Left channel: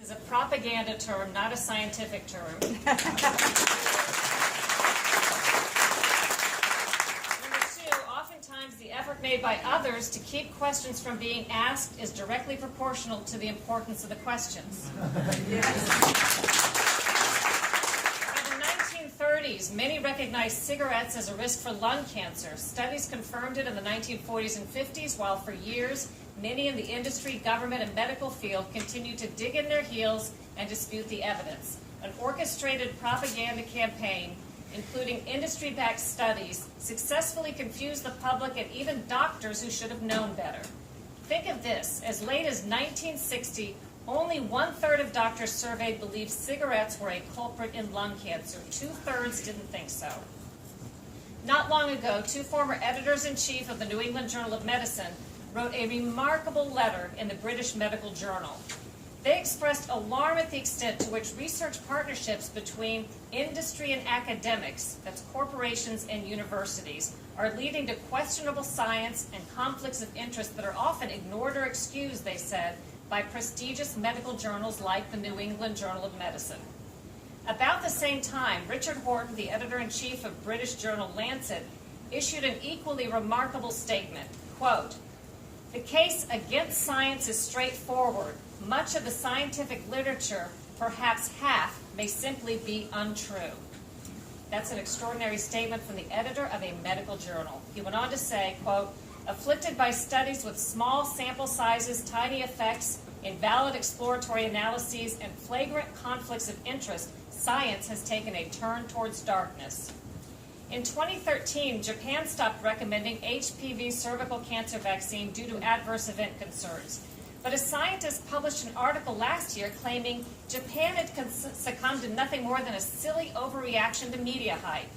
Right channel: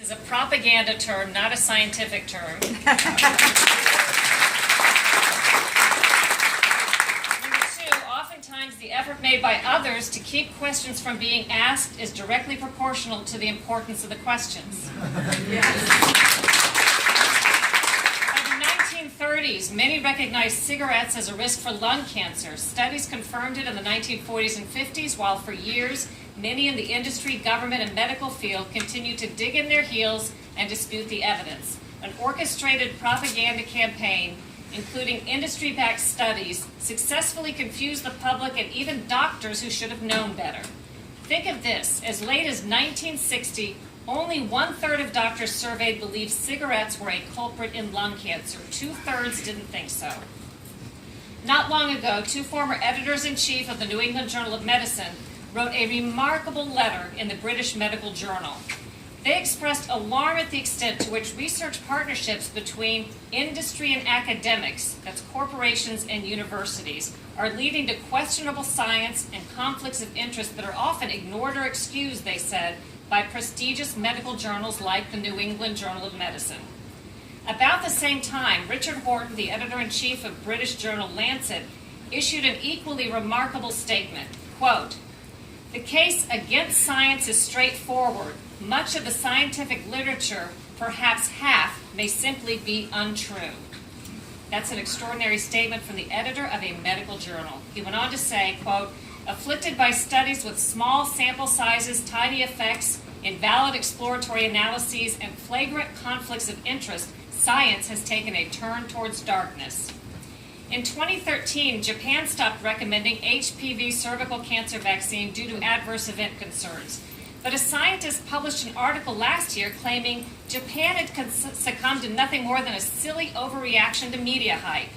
Is a propaganda term, not a scientific term. Number two, oftentimes the effort made by others to keep questions from being asked is directly proportional to the importance of the questions. By the 1930s, many recognized cigarettes as a risk for lung cancer. Studies confirmed it in the 1940s and 50s, while for years, many in the industry, government, and medical field continue to dig in their heels and dispute the evidence. An orchestrated propaganda campaign, including industry-backed studies, successfully confused the public and even doctors who should have known better. Think of this. As late as 1960, only 1/3 of doctors surveyed believed cigarettes were a culprit in lung cancer. 2/3 didn't think so. Not long ago, two former editors-in-chief of the New England Journal of Medicine wrote a remarkable letter in the British Medical Journal. They expressed alarm at the extent to which research partnerships between industry and academics, that's corporations and universities, are leading to questionable science and conflicts of interest that are often ignored or excused, they said, by prestigious medical journals like the New England Journal of Medicine. About the same time, Richard Horton, the editor-in-chief of British journal Lancet, issued an equally remarkable statement, quote, "The case against science is straightforward. Much of the scientific literature, perhaps half, may simply be untrue." That's an extraordinary statement from the editor of a medical journal. He went on to say, quote, "Afflicted by studies with small sample sizes, tiny effects, invalid exploratory analyses, and flagrant conflicts of interest, science has taken a turn towards darkness." In 2013, Japan stopped recommending HPV cervical cancer vaccine due to adverse event concerns. But a scientist published an article last year claiming Japan had succumbed to nothing more than a silly overreaction to media hype.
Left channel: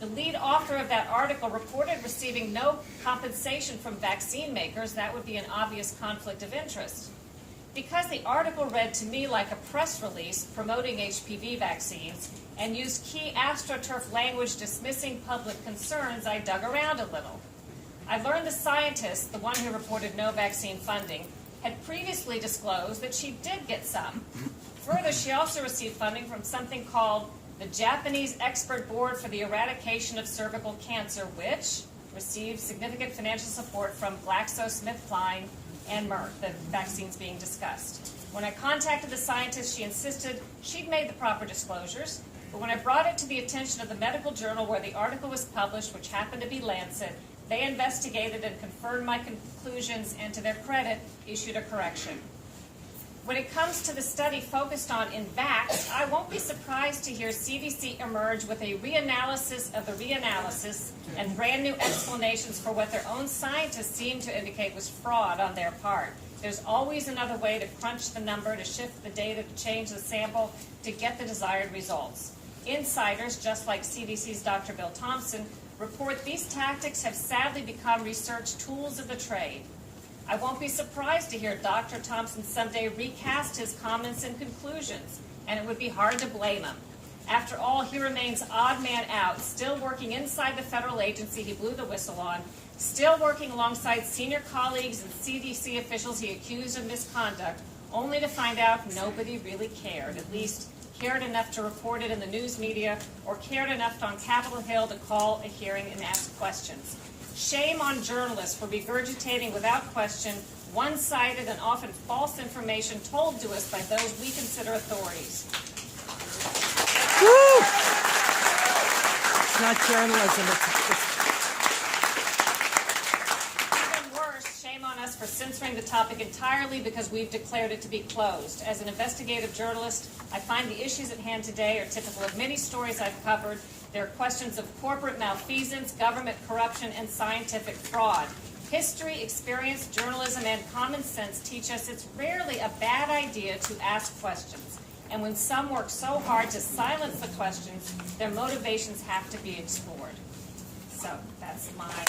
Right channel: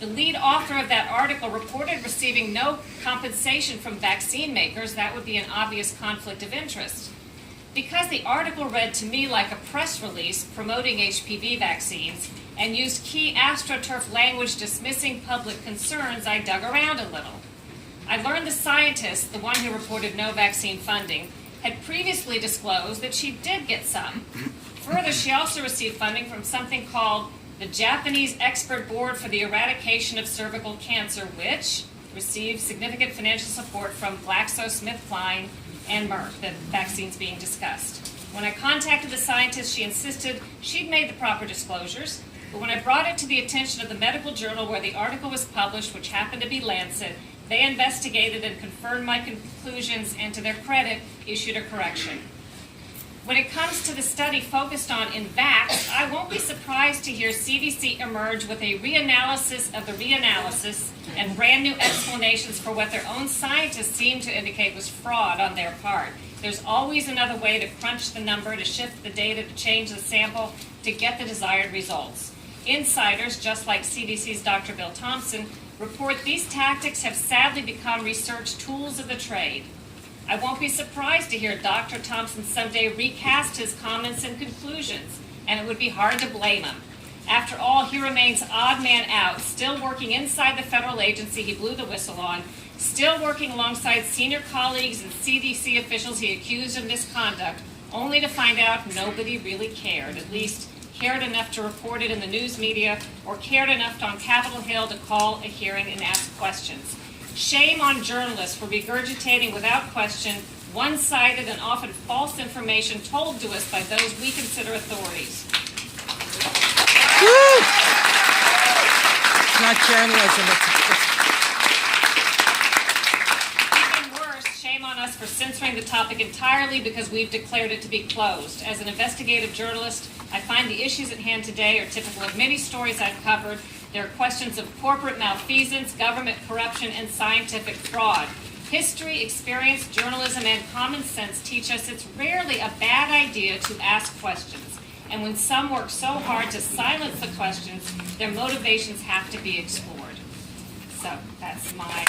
The lead author of that article reported receiving no compensation from vaccine makers. That would be an obvious conflict of interest. Because the article read to me like a press release promoting HPV vaccines and used key astroturf language dismissing public concerns, I dug around a little. I learned the scientist, the one who reported no vaccine funding, had previously disclosed that she did get some. Further, she also received funding from something called the Japanese Expert Board for the Eradication of Cervical Cancer, which received significant financial support from GlaxoSmithKline and Merck, the vaccines being discussed. When I contacted the scientist, she insisted she'd made the proper disclosures, but when I brought it to the attention of the medical journal where the article was published, which happened to be Lancet, they investigated and confirmed my conclusions and, to their credit, issued a correction. When it comes to the study focused on VAXXED, I won't be surprised to hear CDC emerge with a reanalysis of the reanalysis and brand new explanations for what their own scientists seem to indicate was fraud on their part. There's always another way to crunch the number, to shift the data, to change the sample, to get the desired results. Insiders, just like CDC's Dr. Bill Thompson, report these tactics have sadly become research tools of the trade. I won't be surprised to hear Dr. Thompson someday recast his comments and conclusions, and it would be hard to blame him. After all, he remains odd man out, still working inside the federal agency he blew the whistle on, still working alongside senior colleagues and CDC officials he accused of misconduct, only to find out nobody really cared, at least cared enough to report it in the news media or cared enough on Capitol Hill to call a hearing and ask questions. Shame on journalists for regurgitating without question one-sided and often false information told to us by those we consider authorities. Woo! It's not journalism, Even worse, shame on us for censoring the topic entirely because we've declared it to be closed. As an investigative journalist, I find the issues at hand today are typical of many stories I've covered. There are questions of corporate malfeasance, government corruption, and scientific fraud. History, experience, journalism, and common sense teach us it's rarely a bad idea to ask questions. And when some work so hard to silence the questions, their motivations have to be explored. So that's my